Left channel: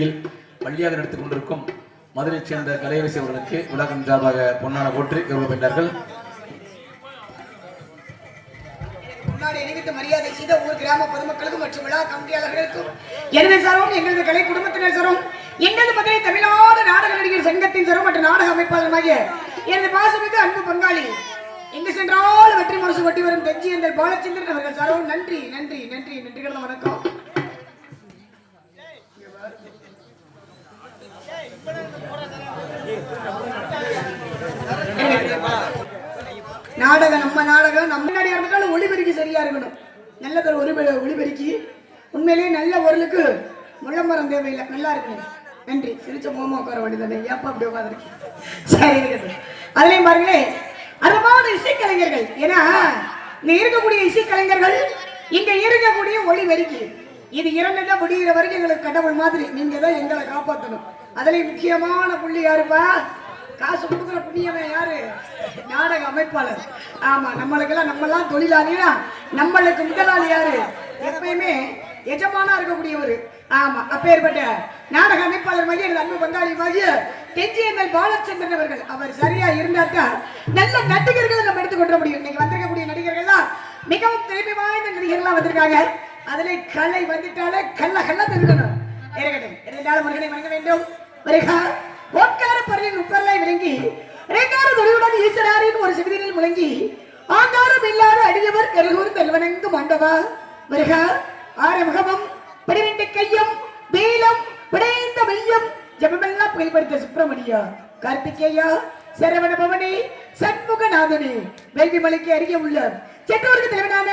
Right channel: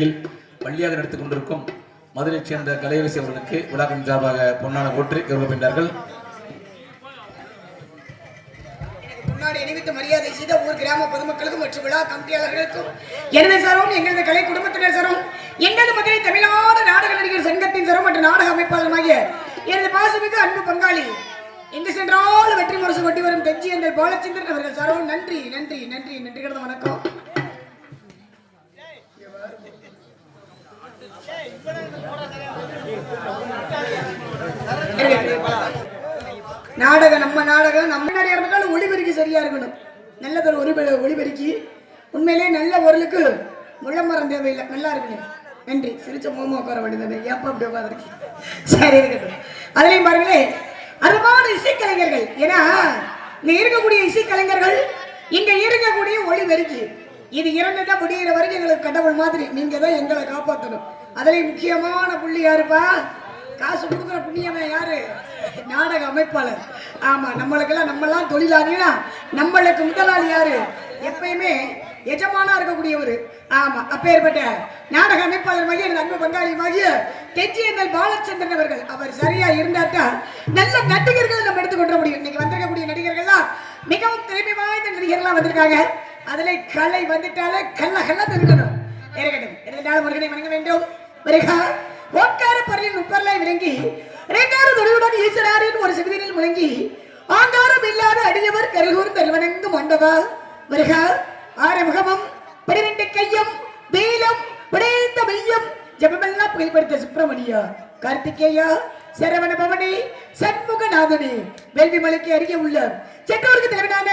பிறகு பள்ளியாக நடத்திக் கொண்டிருக்கும் மதுரைச் சேர்ந்த கலைவசி அவர்களுக்கு விழாவின் சார்பாக பொன்னான போற்றி கௌரவப்பட்டார்கள் அணிவித்து மரியாதை செய்த ஊர் கிராம பொதுமக்களுக்கும் மற்றும் விழா கமிட்டியாளர்களுக்கும் எனது சாரும் எங்களது கலை குடும்பத்தினர் சாரும் எங்களது மதுரை தமிழ்நாடு நாடக நடிகர் சங்கத்தின் சாரும் மற்றும் நாடக அமைப்பாளருமாகிய எனது பாசமிகு அன்பு பங்காளி எங்கு சென்றாலும் வெற்றி முரசு வெட்டி வரும் தெஞ்சி என்ற பாலச்சந்திரன் அவர்கள் சாரும் நன்றி நன்றி நன்றி நன்றி கிடந்த வணக்கம் நாடகம் நம்ம நாடகம் நம்ம முன்னாடி இருந்தாலும் ஒளிபெருக்கி சரியா இருக்கணும். நல்லதொரு ஒளி ஒளிபெருக்கி. உண்மையிலேயே நல்ல பொருளுக்கு முள்ளமரம் தேவையில்லை. நல்லா இருக்கணும். நன்றி. சிரிச்ச மோமோ உட்கார வேண்டியதானே ஏப்பா அப்படி உட்காந்துருக்கு சரி இருக்கட்டும் அதுலேயும் பாருங்களே அருமான இசைக்கலைஞர்கள். ஏன்னா இங்க இருக்கக்கூடிய இசைக்கலைஞர்கள் இங்க இருக்கக்கூடிய ஒளி இது இரண்டு முடிகிற வரைக்கும் எங்களுக்கு கடவுள் மாதிரி. நீங்க தான் எங்களை காப்பாற்றணும் அதுலயும் முக்கியமான புள்ளி யாருப்பா? காசு கொடுக்குற புண்ணியவன் யாரு? நாடக அமைப்பாளர். ஆமா நம்மளுக்கெல்லாம் நம்மெல்லாம் தொழிலாளிகளா நம்மளுக்கு முதலாளி யாரு? எப்பயுமே எஜமானா இருக்கக்கூடியவர். ஆமா அப்பேற்பட்ட நாடக அமைப்பாளர் மாதிரி எனது அன்பு பங்காளி மாதிரி தெஜியந்தல் பாலச்சந்திரன் அவர்கள். அவர் சரியா இருந்தாத்தான் நல்ல நடிகர்களை நம்ம எடுத்துக்கொள்ள முடியும் இன்னைக்கு வந்திருக்கக்கூடிய நடிகர்கள்லாம் மிகவும் திறமை வாய்ந்த நடிகர்கள்லாம் வந்திருக்காங்க. அதுல கலை வந்துட்டாலே கல்ல கல்ல தருக்கணும் இருக்கட்டும். இருந்தாலும் முருகனை வணங்க வேண்டும். வருகா. ஓட்கார பொருளின் உப்பர்லாய் விளங்கி இரண்டாவது தொழிலுடன் ஈஸ்வராரின் ஒரு சிவிதியில் முழங்கி ஆங்காரம் இல்லாத அடியவர் கருகூர் தெல்வனங்கு மண்டபா வருகா. ஆறுமுகமும் பனிரெண்டு கையும் வேலம் பிடைந்த மையம் ஜபமெல்லாம் புகழ்படுத்த சுப்பிரமணியா. கார்த்திகேயா சரவண பவனி சண்முகநாதனி. வேள்வி மலைக்கு அருகே உள்ள செட்டோருக்கு தலைவனான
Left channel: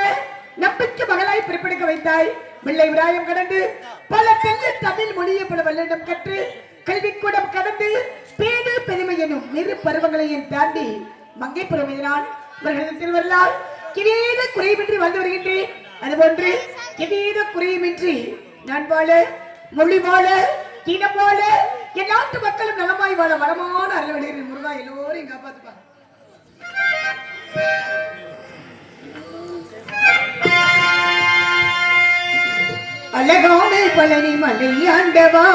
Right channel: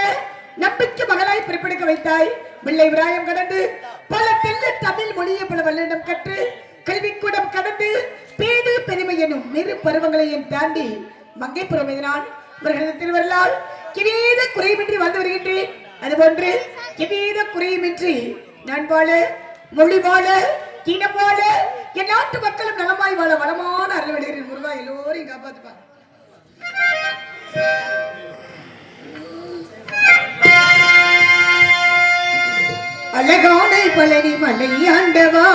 நம்பிக்கை மகளாய் பிறப்பெடுக்க வைத்தாய். பிள்ளை விராயம் கடந்து பல தெல்ல தமிழ் மொழியை பல வல்லிடம் கற்று கல்விக்கூடம் கடந்து பேது பெருமை எனும் இரு பருவங்களையும் தாண்டி மங்கை எதிரான் இவர்களது திருவரலால் கிரீட குறைவின்றி வந்து வருகின்றேன். அதுபோன்று கிரீட குறையுமின்றி நான் வாழ மொழி வாழ இனம் வாழ என் நாட்டு மக்களும் நலமாய் வாழ வளமான அருள்வழிகளின் முருகா எல்லோரையும் காப்பாத்துப்பாங்க அழகான பழனி மலை ஆண்டவா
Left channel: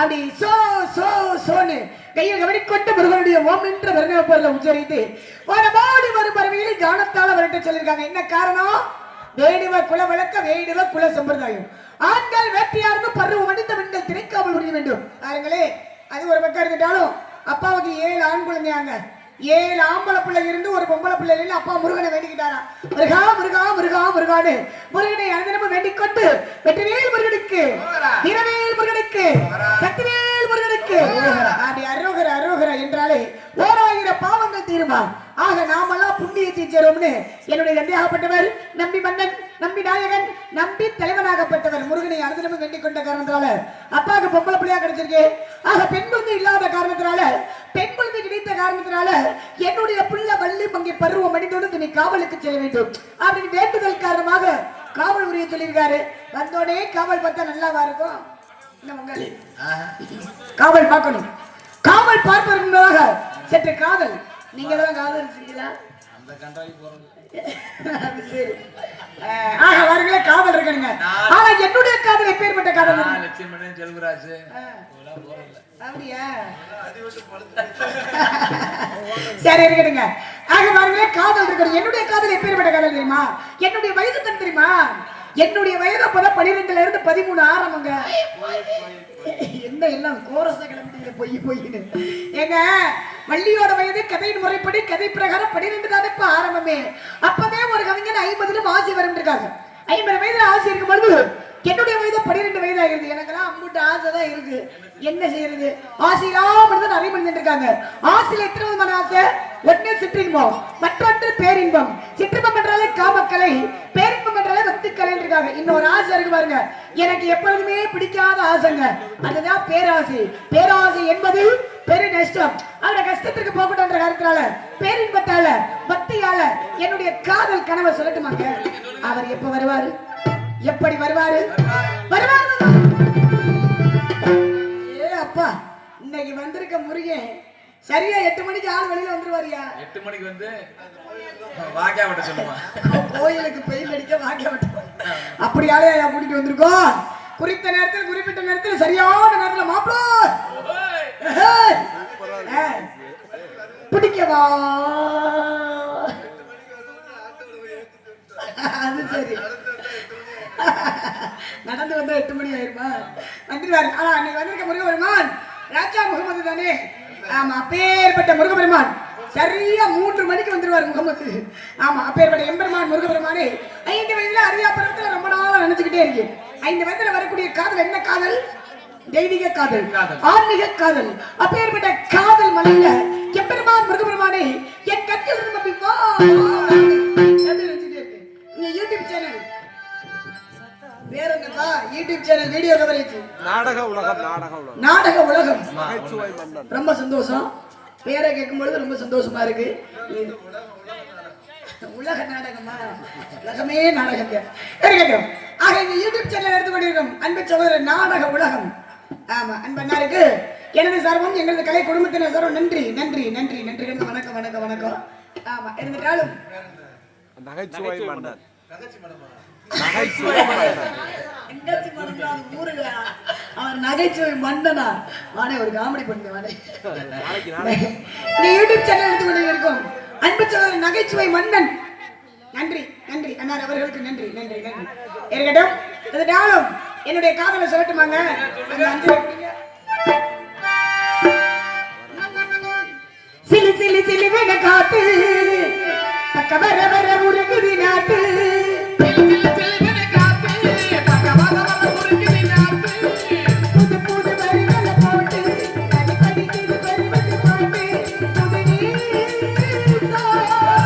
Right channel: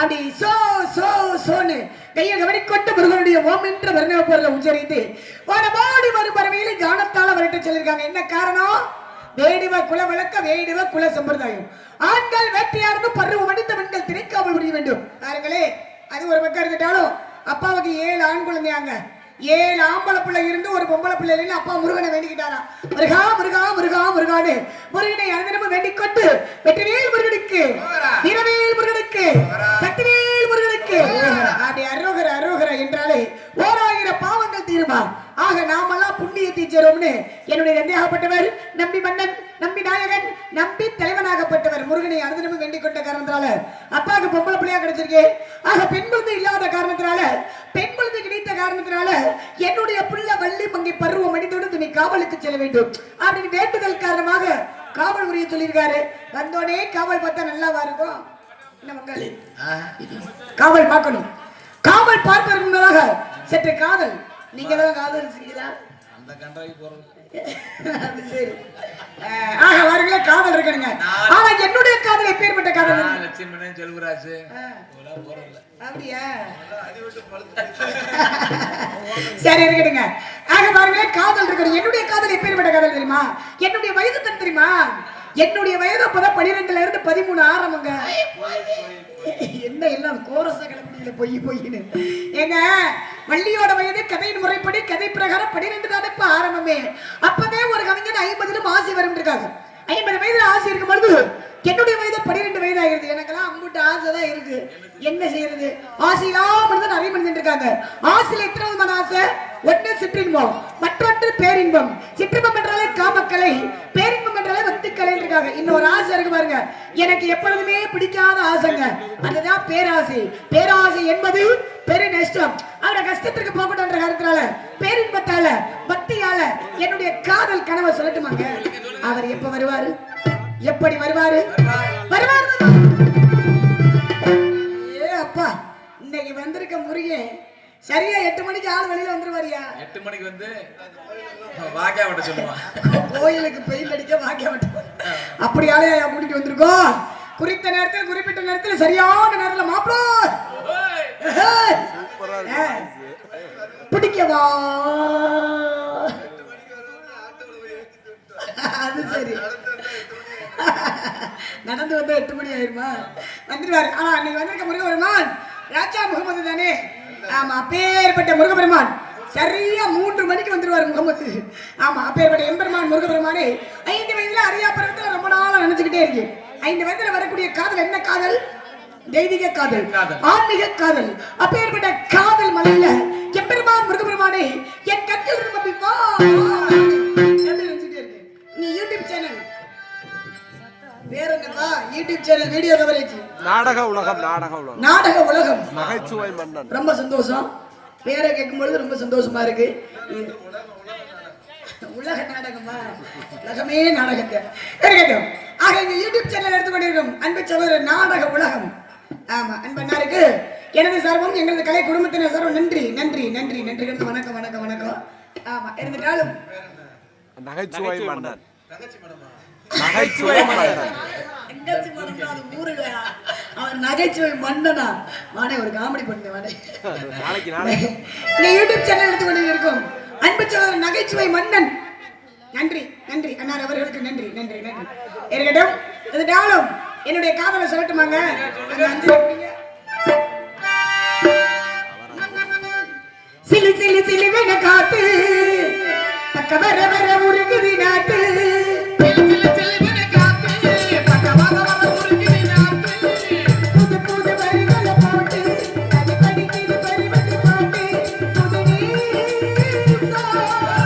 அப்படி சோ சோ சோன்னு. கையை கவனிக்கொண்டு முருகனுடைய ஓம் என்ற வர்ணவ பொருளை உச்சரித்து வரமாடி வரும் பறவையில கானத்தால வரட்டு சொல்லியிருக்காங்க. என்ன காரணம்? வேடுவ குல விளக்க வேடுவ குல சம்பிரதாயம். ஆண்கள் வேட்டையார்ந்து பருவம் அடித்த பெண்கள் திணைக்காமல் முடிய வேண்டும். பாருங்களே அது ஒரு பக்கம் இருந்துட்டாலும் அப்பாவுக்கு ஏழு ஆண் குழந்தையாங்க. ஏழு ஆம்பளை பிள்ளை இருந்து ஒரு பொம்பளை பிள்ளை இல்லைன்னு அப்பா முருகனை வேண்டிக்கிட்டாரா முருகா முருகா முருகா முருகானு முருகனை அனந்தனமும் வேண்டிக் கொண்டு வெற்றிவேல் முருகனுக்கு வீரவேல் முருகனுக்கு என்னுடைய தந்தையாகப்பட்டவர் நம்பி மன்னன் நம்பி நாயகன் நம்பி தலைவனாகப்பட்டவர் முருகனை அனுதினமும் வேண்டிக் கொண்ட காரணத்தினால. அப்பாவுக்கு பொம்பளை பிள்ளையா கிடைச்சிருக்கு. ஆக பெண் குழந்தை இல்லாத காரணத்தினால பெண் குழந்தை கிடைத்த காரணத்தினால என்னுடைய பிள்ளை வள்ளி பங்கை பருவம் அடித்தோடு நீ காவலுக்கு செல்ல வேண்டும். அப்படின்னு வேண்டுதல் காரணமாக காவல் உரிய சொல்லியிருக்காரு. வந்தோடனே காவல் பார்த்தா நல்லாவா இருக்கும்? காவல் பார்க்கணும். காவல் பார்ப்பதற்கு முன்னதாக சற்று காதல். நீங்க தான் காதல் செய்யலாம். அவர்களே காதல் இருக்கணுங்க. ஆனா என்னுடைய காதல் எப்பேற்பட்ட காதல் லட்சுமணன் செல்வராஜ் சரி இருக்கட்டுங்க. ஆக பாருங்களே காதல் இருக்கணும். என்னுடைய காதல் எப்பேற்பட்ட காதல் தெரியுமா? என்னுடைய வயது தான் தெரியுமா? என்னுடைய வயது அப்பதான் பனிரெண்டுல இருந்து பதிமூணு ஆரம்பங்க. என்ன எல்லாம் கோரச கிளம்புங்க பொய் பொய்னு ஏங்க வள்ளியோட வயது கதையின் முறைப்படி கதை பிரகாரம் பனிரெண்டு தான் இப்ப ஆரம்பமே. அப்பவே ஒரு கவிஞன் ஐம்பதுல மாசி வரும் இருக்காங்க ஐம்பது வயது ஆசை இருக்கும் பொழுது என்னுடைய வயது பன்னிரெண்டு வயது ஆயிருது எனக்கெல்லாம் அவங்ககிட்ட ஆசை தான் இருக்கு. என்ன செய்யறது? ஆசை இல்லாம இருந்து நிறைய மனிதன் இருக்காங்க. ஆசையில எத்தனை விதமான ஆசை? ஒன்று சிற்றின்பம் மற்றொன்று பேரின்பம். சிற்றின்பம் என்றாலே காமக்கலை பேரின்பம் என்றாலே வத்துக்கலை இருக்காங்க இன்னொரு ஆசை இருக்கு பாருங்க. எனக்கு எப்பொழுதுமே பிடிக்காத ஆசைங்க. அதுதான் பேராசை. பேராசை என்பது பெரிய நஷ்டம். அவரோட கஷ்டத்திற்கு என்ற காரணத்தினால பேரின்பத்தால பக்தியால என்னுடைய காதல் கனவை சொல்லட்டுமாங்க? அவர் எப்ப வருவாரு? எப்படி வருவாரு? வருவாரு ஏ அப்பா இன்னைக்கு வந்திருக்க முருகன் சரியா எட்டு மணிக்கு ஆள் வெளியில வந்துருவாரியா? எட்டு மணிக்கு வந்து வாக்கியா விட்ட சொல்லுவான் கோயிலுக்கு பெயில் அடிக்க வாக்கிய விட்டோம் அப்படி ஆளையா கூட்டிட்டு வந்திருக்கோம் குறித்த நேரத்தில் குறிப்பிட்ட நேரத்தில் சரியான நேரத்தில் மாப்பிள! பிடிக்கவா? அது சரி. நடந்து வந்தா எட்டு மணி ஆயிருமா? வந்துருவாரு ஆனா அன்னைக்கு வந்திருக்க முருகபெருமான் ராஜா முகமது தானே? ஆமா அப்பேற்பட்ட முருகபெருமான் சரியா மூன்று மணிக்கு வந்துருவாரு முகமது. ஆமா அப்பேற்பட்ட எம்பெருமான் முருகபெருமானே ஐந்து வயதுல அரியா பருவத்துல ரொம்ப நாளா நினைச்சுக்கிட்டே இருக்கு. ஐந்து வயதுல வரக்கூடிய காதல் என்ன காதல்? தெய்வீக காதல். ஆன்மீக காதல். அப்பேற்பட்ட காதல் மலையில எம்பெருமான் முருகபெருமானே என் கண்கள் யூடியூப் சேனல் வீடியோ கவரேஜ் நாடக உலகம் நாடக உலகம். நாடக உலகம். நகைச்சுவை மன்னன். ரொம்ப சந்தோஷம். பேரை கேட்கும் பொழுது ரொம்ப சந்தோஷமா இருக்கு. உலக நாடகமா? உலகமே நாடகங்க. இருக்கட்டும் ஆக இந்த யூடியூப் சேனல் எடுத்து கொண்டிருக்கும் அன்பு சகோதரர் நாடக உலகம். ஆமா அன்பண்ணாருக்கு எனது சார்பும் எங்களது கலை குடும்பத்தினர் சார்பும் நன்றி நன்றி நன்றி நன்றி. வணக்கம் வணக்கம் வணக்கம். ஆமா இருந்துட்டாலும். நகைச்சுவை மன்னன். தங்கச்சி மேடமா நகைச்சுவை மன்னன். அவன் நகைச்சுவை வாடே ஒரு காமெடி பண்ணுங்க வாடே யூடியூப் சேனல் எடுத்து கொண்டு இருக்கும் அன்பு நகைச்சுவை மன்னன். நன்றி நன்றி. அண்ணார் அவர்களுக்கு நன்றி நன்றி நன்றி. இருக்கட்டும் என்னுடைய காதலை சொல்லட்டுமாங்க. சிலி சிலி சிலி காத்து. பக்க வர வர உருகுதி நாட்டு. நீ